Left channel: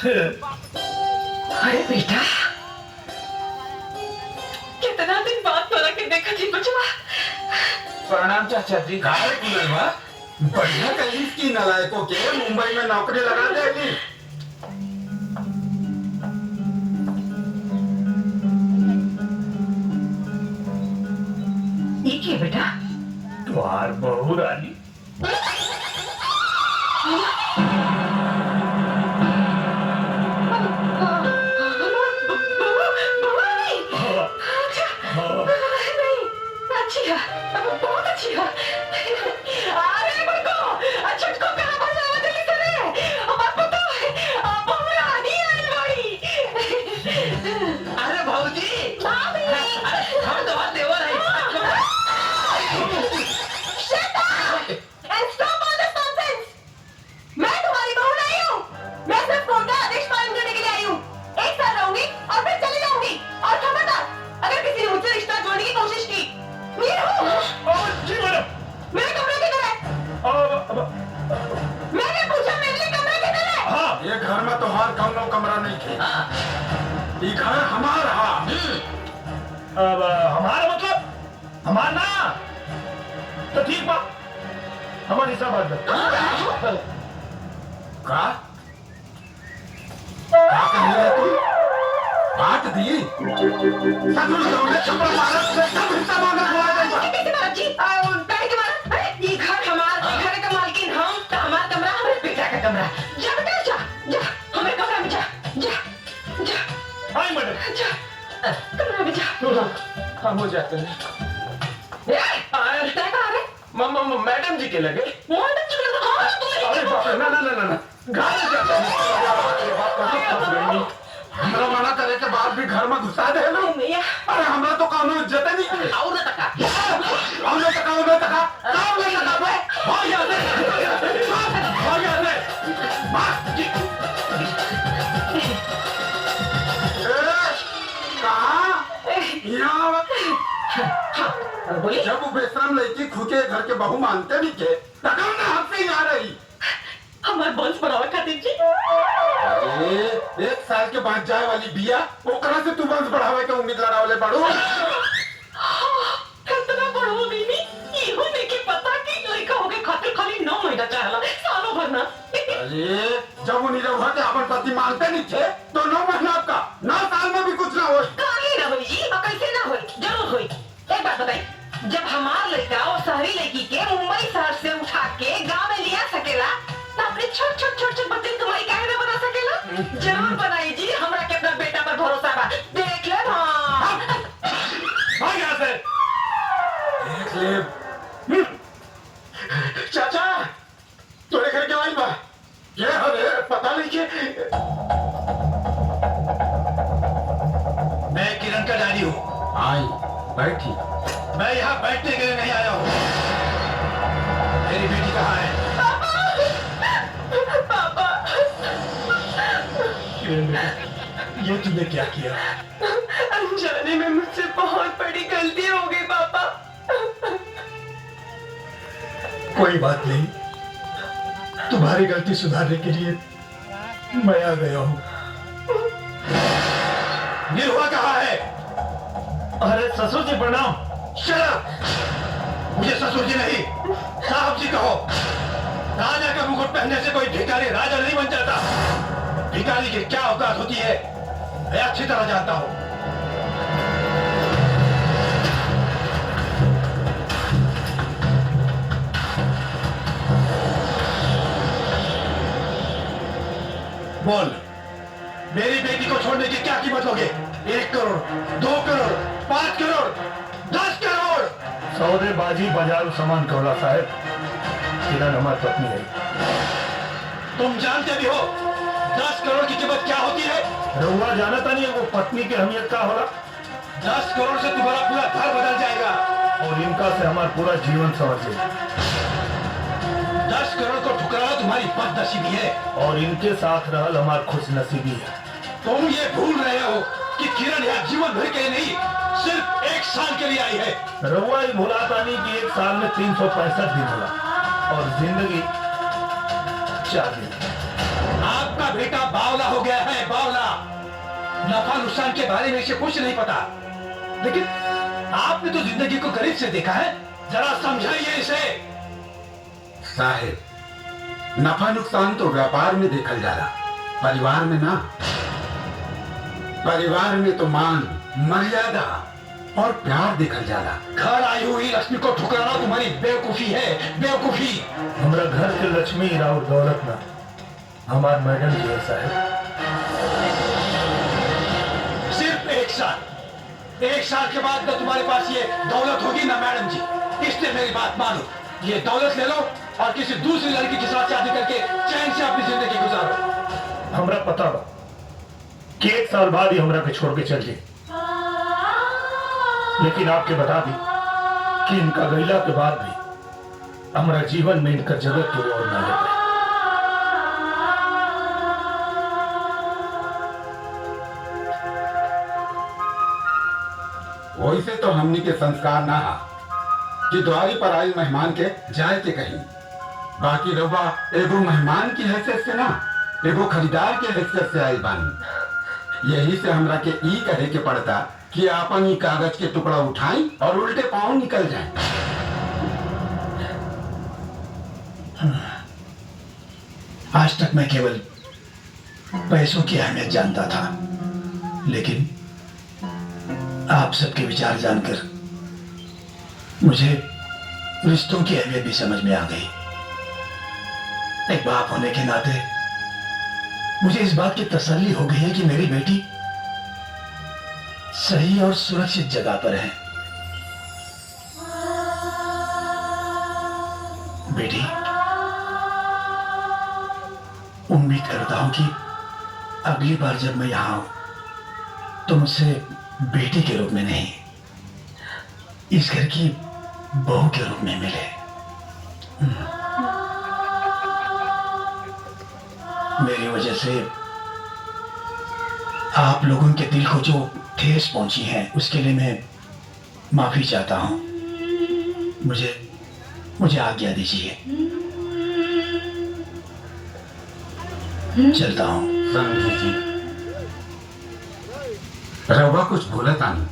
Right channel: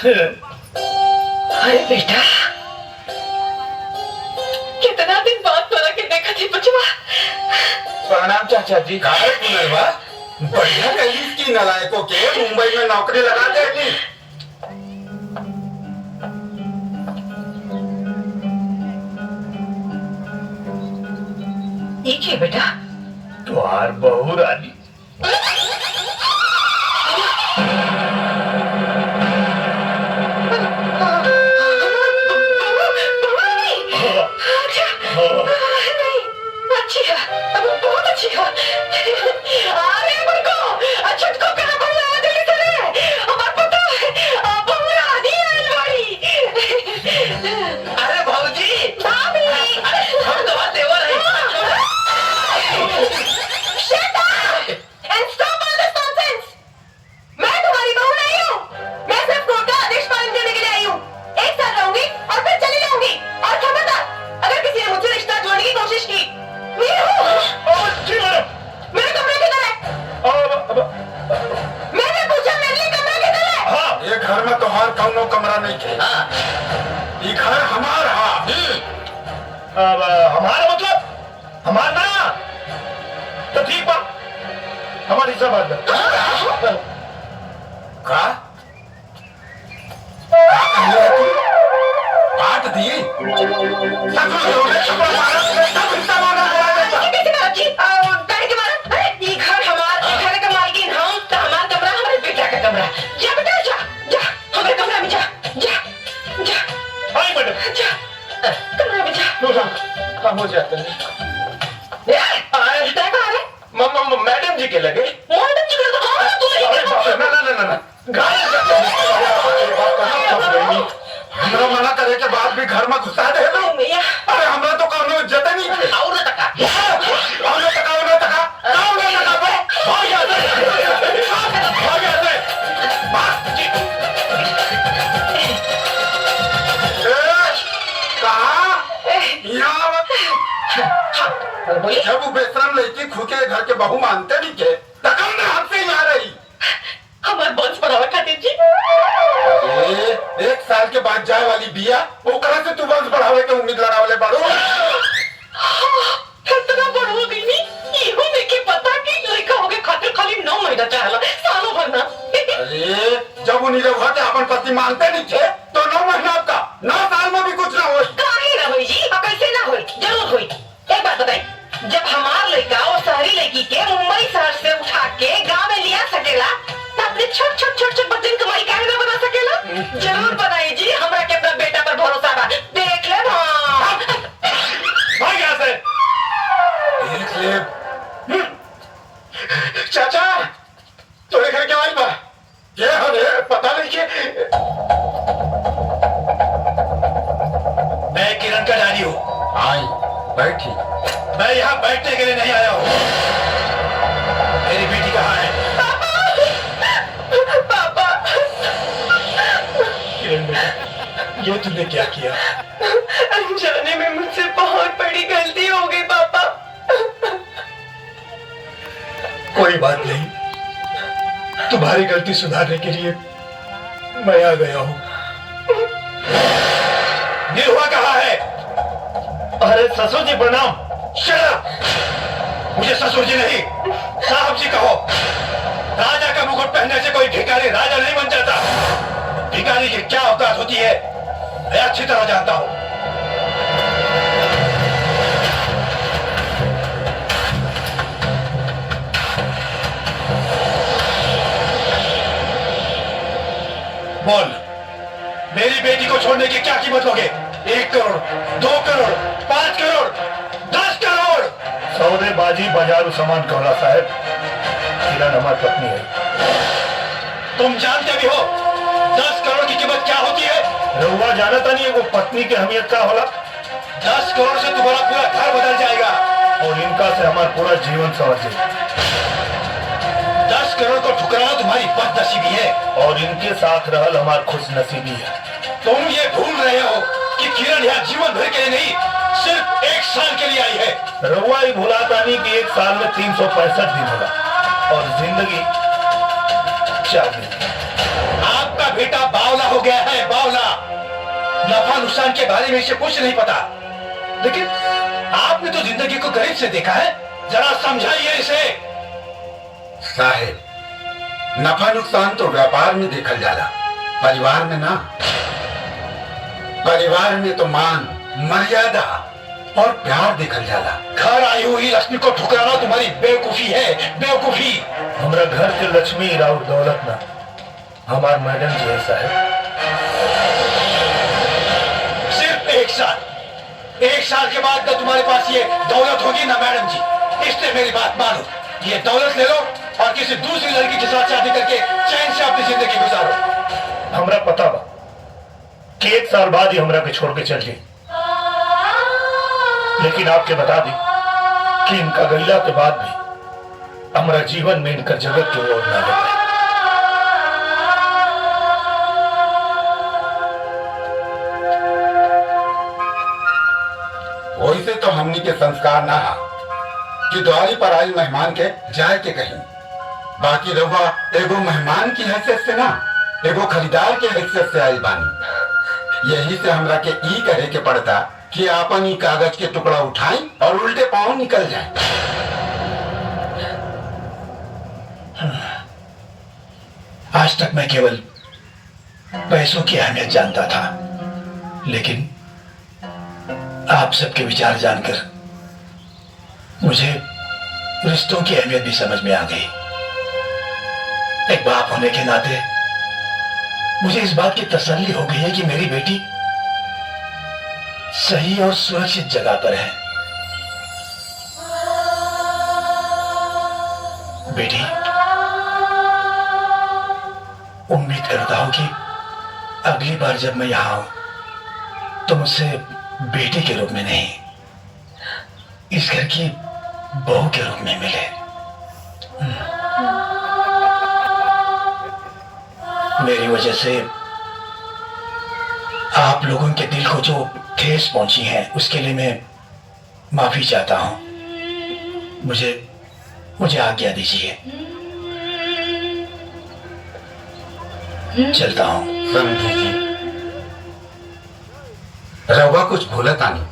अरे बेटा, कितना दिन बाद तोरा के देखा थी बचवा। प्रणाम चाचा जी। काय पुनर्वा बढ़िया कही की नलायकों के मुंबई में नौकरी लगा देगी। ठीक है बेटा। तुम्हार बहू रानी अच्छी है, बहुत अच्छी है। अरे मुझको छुटको कहाँ बोला दिल्ली से हमारे पता है बहू रानी आई वाली। अरे भाऊजी भाभी, हम तो बात देवर है। Shut up and stop all this nonsense. मैं तुम्हारी बहू नहीं हूँ। मैं सिर्फ कोर्ट का आदेश पालन करने के लिए आई हूँ। एक साल रहूंगी और फिर चली जाऊंगी। और खबरदार, अगर किसी ने मुझसे रिश्ता जोड़ने की कोशिश की, मेरे कमरे किधर है? मैंने पूछा मेरे लिए कमरा किधर है? हाँ, ये घर में तोहार कौनो कमरा नहीं थे। ये घर हमारा। अब हमारा मतलब हमारा ना तो ठीक बा, हमारी सब बात का कहले तू बात दी ससुर जो ने छपड़ मारा सब हिस्सा मांगा हुआ है। कैसे मारा जी? काहे के मारा? अरे ये घर हमारा, घर का मालकिन हम, तो हमारा कमरा हमारे बेटा का कमरा। जा बेटा जा, जा हमारे कमरे में जा, जा जा। आई मैडम जा कमरे में जा। हम हो जाते हैं। मैडम जी के लगे मैडम जी को तो हाँ बोली। अरे बाप रे, ना गाड़ी जाते हैं। हमरा मना करे के बाद भी घर में घुसा दे लो। भैया अरे हमरा तो कौनो इज्जत नहीं। और न तका कौनो तका बे भाग जाते बोलिए। जब वो बेशरम लड़की खुद के घर के बहू मानते नहीं के तकम ने हाथ से ही आ रही। हमारे वंश बढ़ावा खातिर जी। अरे 1 साल के बाद जाए वाली बिया ओकरा से तू वंश बढ़ावे के उम्मीद लगावले बाड़ू। कितना बड़ हो गई नी, इहो देखे पता कि लड़का होके खातिर खाली 9 महीना चाहला, सालों भर ना। अरे जब उन्हीं लोग के अपन पति मानते नहीं थे तो 9 महीना आपका 9 साल में भी कुछ ना हो। काहे ना होई जी, कैसे ना होई, जरूर होई। एक बात बताई, जब हमार लड़का और शहरी लड़की के मुंबई शहर से उठा के गांव में लिया सकेला, तो अपने छोट बच्चन कमाई काहे ना बना सकेला? जरूर बनाई जी, हमरा के अपना बेटा पर भरोसा बा। देख ले भाग यहाँ से। देख ले चाचा तोरे घर क्या आई बा? ये हमें पता नहीं कि मैं किरण का डैडी हूँ। आई बैठी। मैं यहाँ बैठने के लिए नहीं आया हूँ। मेरी बेटी कहाँ है? पापा। किरण बेटा, ये तूने क्या किया? अनजाने में मुझसे बहुत बड़ी गलती हो गई पापा। कोई बात नहीं, तुम्हारी गलती सुधारने के लिए मैं आ गया हूँ। निरुआ कहाँ है? अरे ससुर जी प्रणाम। Shut up! मुझे ससुर जी नहीं साहब जी कहो। राजा का मुकुट पहनने से कोई भिखारी राजा नहीं बन जाता। भिखारी की क्या औकात होती है मैं अच्छी तरह जानता हूँ। बोल, मेरी बेटी को छोड़ने की क्या कीमत लोगे? 1 करोड़, 2 करोड़, 5 करोड़, 10 करोड़? सौदेबाजी बाजारू सामान कहला साहब। किरण हमारी पत्नी है। तुम जानते भी हो 10 करोड़ की कीमत क्या होती है? रहुआ जानता नहीं है वो पत्नी की अहमियत क्या होला? 10 करोड़ से तुम्हारा पूरा घर बदल जाएगा और इनका से हमारा पूरा जीवन संवर जाएगा। 10 करोड़ को ठुकराना तुम्हारी बदनसीबी है और इनके साथ रहल हमारी खुशनसीबी है। तुम ये भूल रहे हो कि किरण यहाँ जीवन भर के लिए नहीं, सिर्फ 1 साल के लिए आई है। रहुआ ही भुलाता नहीं कि 1 साल में 365 दिन होला और जिंदगी 4 दिन। आपका बेटा बावला हो गया है, बावला। नफा नुकसान के बारे में इसे कुछ नहीं पता। लेकिन आपने तो जिंदगी को करीब से देखा है, जरा समझाइए इसे। साहेब, नफा नुकसान तो व्यापार में देखल जाला, परिवार में ना। परिवार में तो मान, मर्यादा और प्यार देखल जाला। घर आई हुई लक्ष्मी को ठुकराना तुम्हारी बेवकूफी है, बेवकूफी। हमरा घर के लक्ष्मी राउर दौलत ना, हमार मैडम जी है साहब। सिर्फ 1 साल के बाद ना तुम्हारे पास ये दौलत होगी ना मैडम जी। इसलिए मेरी बात मानो, ये दौलत ले लो और किसी दूसरी लड़की के साथ शादी करके चैन से अपनी जिंदगी गुजारो। हमरा पता बा कि 1 साल बाद ही हमरा के छोड़ के चल गई, लेकिन आपके बता दी कि इनका गैला के बाद भी हमारा जीवन में इनका जगत की ओर ना लगे। वैसे तो हमनी के संस्कार ना हा कि द्वारी पर आई मेहमान के जाए के कहीं। बाकी रहुआ एगो मेहमान की हैसियत से ना, एगो खरीदार के हैसियत से आई बानी। यही से हमरा के ई कहे के पड़ता कि आपन ई कागज के टुकड़ा उठाई और उल्टे पांव निकल जाए। आज तक मैं केवल पैसों की अहमियत जानता था, लेकिन आप सबके विचार जानकर मुझे रिश्तों की अहमियत भी समझ में आ गई। एक बाप होने के नाते मुझे इस बात की तसल्ली हो गई है कि मेरी बेटी सही और सुरक्षित जगह पर है। बेटी, उम्मीद करता हूं कि अगली बार जब मैं यहां आऊं तो मुझसे बेटी के रूप में नहीं, इस घर की बहू के रूप में मिले। मेरी वजह से आप लोगों के दिल को जो ठेस पहुंची है उसके लिए मैं माफी चाहता हूं। मुझे आज्ञा दीजिए, चलता हूं। समझी जी, रहुआ कुछ भूला तानी।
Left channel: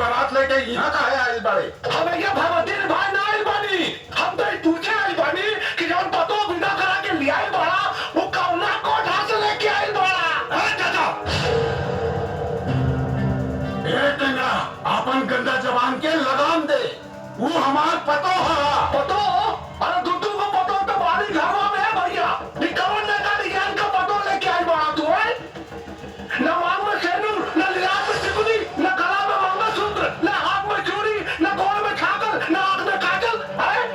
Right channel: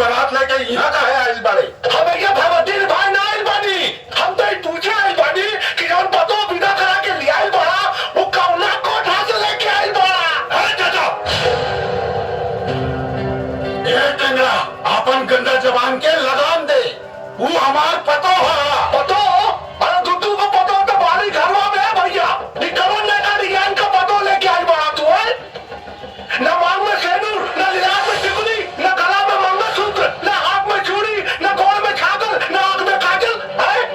बारात लेके यहाँ का है आइल बाड़े। हमें क्या भगवती भाई ना आइल बानी, हम तो पूछे आइल बानी कि जब पतो विदा करा के ले आइल बड़ा वो कौना कोठा से लेके आइल बड़ा। अरे चाचा, ए टेंगरा, अपन गंदा जबान के लगाम दे। वो हमार पतो है। पतो? अरे दुद्दू को पतो तो बारी घरवा में है भैया। निकलन ने का डिजाइन का पतो लेके आइल बड़ा तू है? न मांग में सेनूर, न लिलास में टिकुली, न गला में मंगलसूत्र, न हाथ में चूड़ी, न गोड़ में छागल, न आंख में काजल।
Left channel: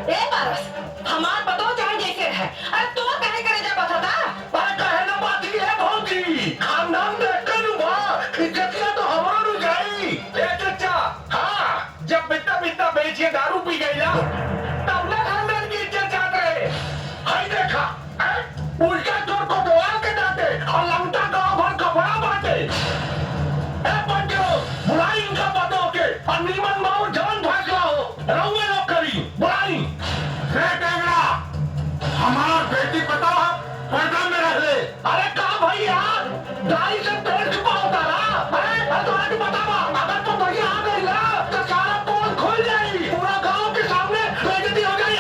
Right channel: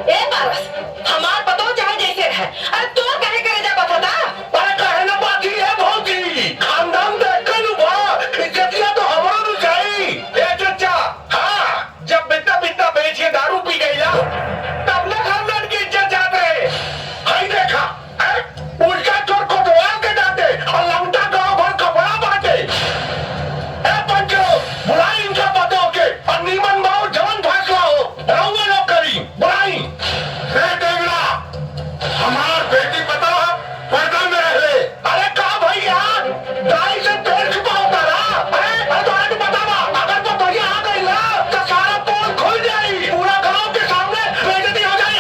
ए पारस, हमार पतो चाहे जैसे रहे, अरे तो कहे करे जा पता था। अरे कहे ना बाकी है भौजी, खानदान देख के नु बा, इज्जतिया तो हमारा नु जाई। ए चचा, हाँ, जब बित्ता बित्ता बेच के दारू पी गई ना, तब ना खानदान की इज्जत जात रहे। हाई देखा, उल्टा चोर को दवाल के डांटे और लंगटा गांव भर कपड़ा बांटे। ए पंचो, बुलाई इनका पतो के और नीमन बाबू जवन फैसला हो, रहुए लोग करी, बुलाई। ए टेंगरा, हमार बेटी पता है पर्दा में रह ले। अरे का भैया, दाई से पेड़ छुपा होता रहा। अरे तो आज बतावा, अगर तो भैया आ गई ना तो सारा पोल खुल जाई, पूरा गांव के सामने बेइज्जती हो जाई।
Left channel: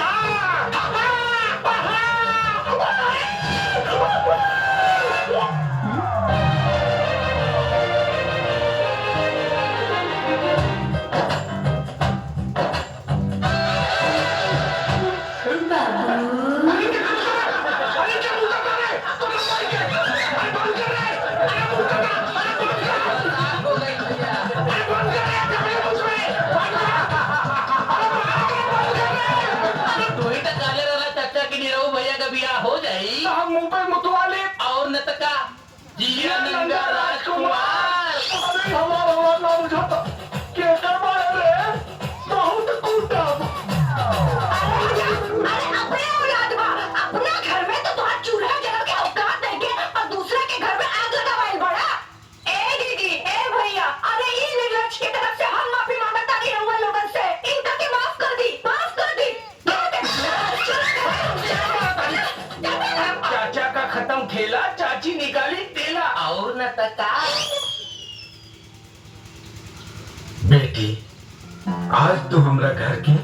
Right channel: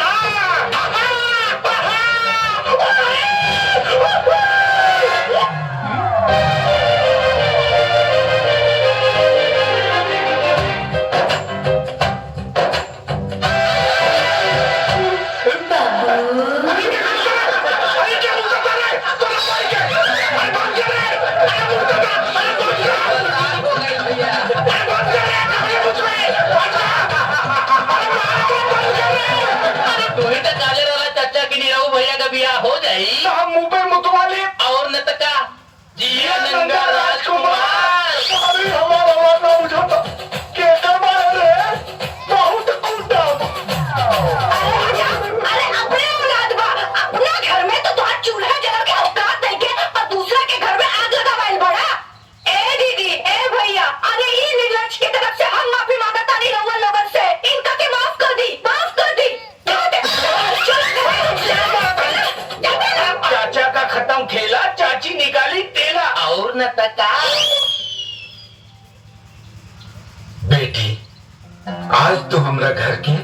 अरे क्या मुंह करता रे? तो ना भाई के, अरे बंद कर रे, अरे मुंह करता, अरे बंद कर, अरे बंद कर रे, कभी मुझ में, बंद कर, अरे मारो, बंद कर रे। अरे तू ही तो काले वाला चाचा की नीरव भैया का बियाह हो जाई तो हम मुंह पे मुतवा लिए। और न तका जिया नंगा राजकुमार। अरे हमारा आवाज ना बुझाता कैसे मारे रे बहुत कूटा। अरे अपने औलाद बा अपना घर में तो तुहार चूल्हा जला के औकात नहीं के और दूसरा के घर में आग लगावल बड़ा। ए दीदी ए भैया अरे ये निर्लज की तरफ से हम माफी मांगता नहीं रहुआ लोगन से। इनका के माफ कर दी माफ कर दी। चाचा का खत्म खेला, चाची निकाली तेला। और न तका बेटी आज तो हमरा घर के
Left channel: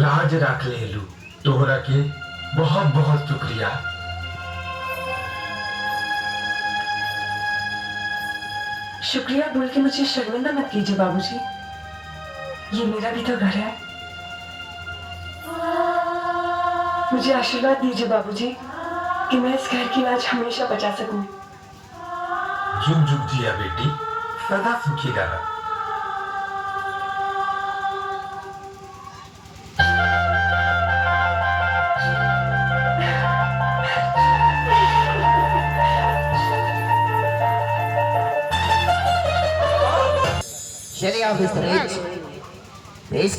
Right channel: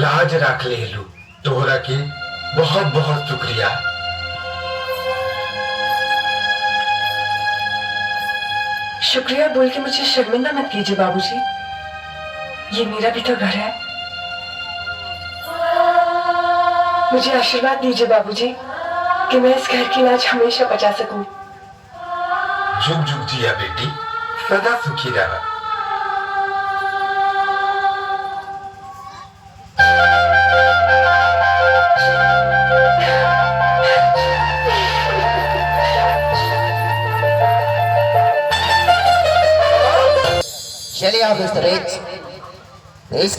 लाज रख ले लू। तोहरा के बहुत बहुत शुक्रिया। शुक्रिया बोल के मुझे शर्मिंदा मत कीजिए बाबूजी। ये मेरा भी तो घर है। मुझे आशीर्वाद दीजिए बाबूजी कि मैं इस घर की लाज हमेशा बचा सकूं। जुग जुग जिया बेटी, सदा सुखी रहा। Shelly on the stage.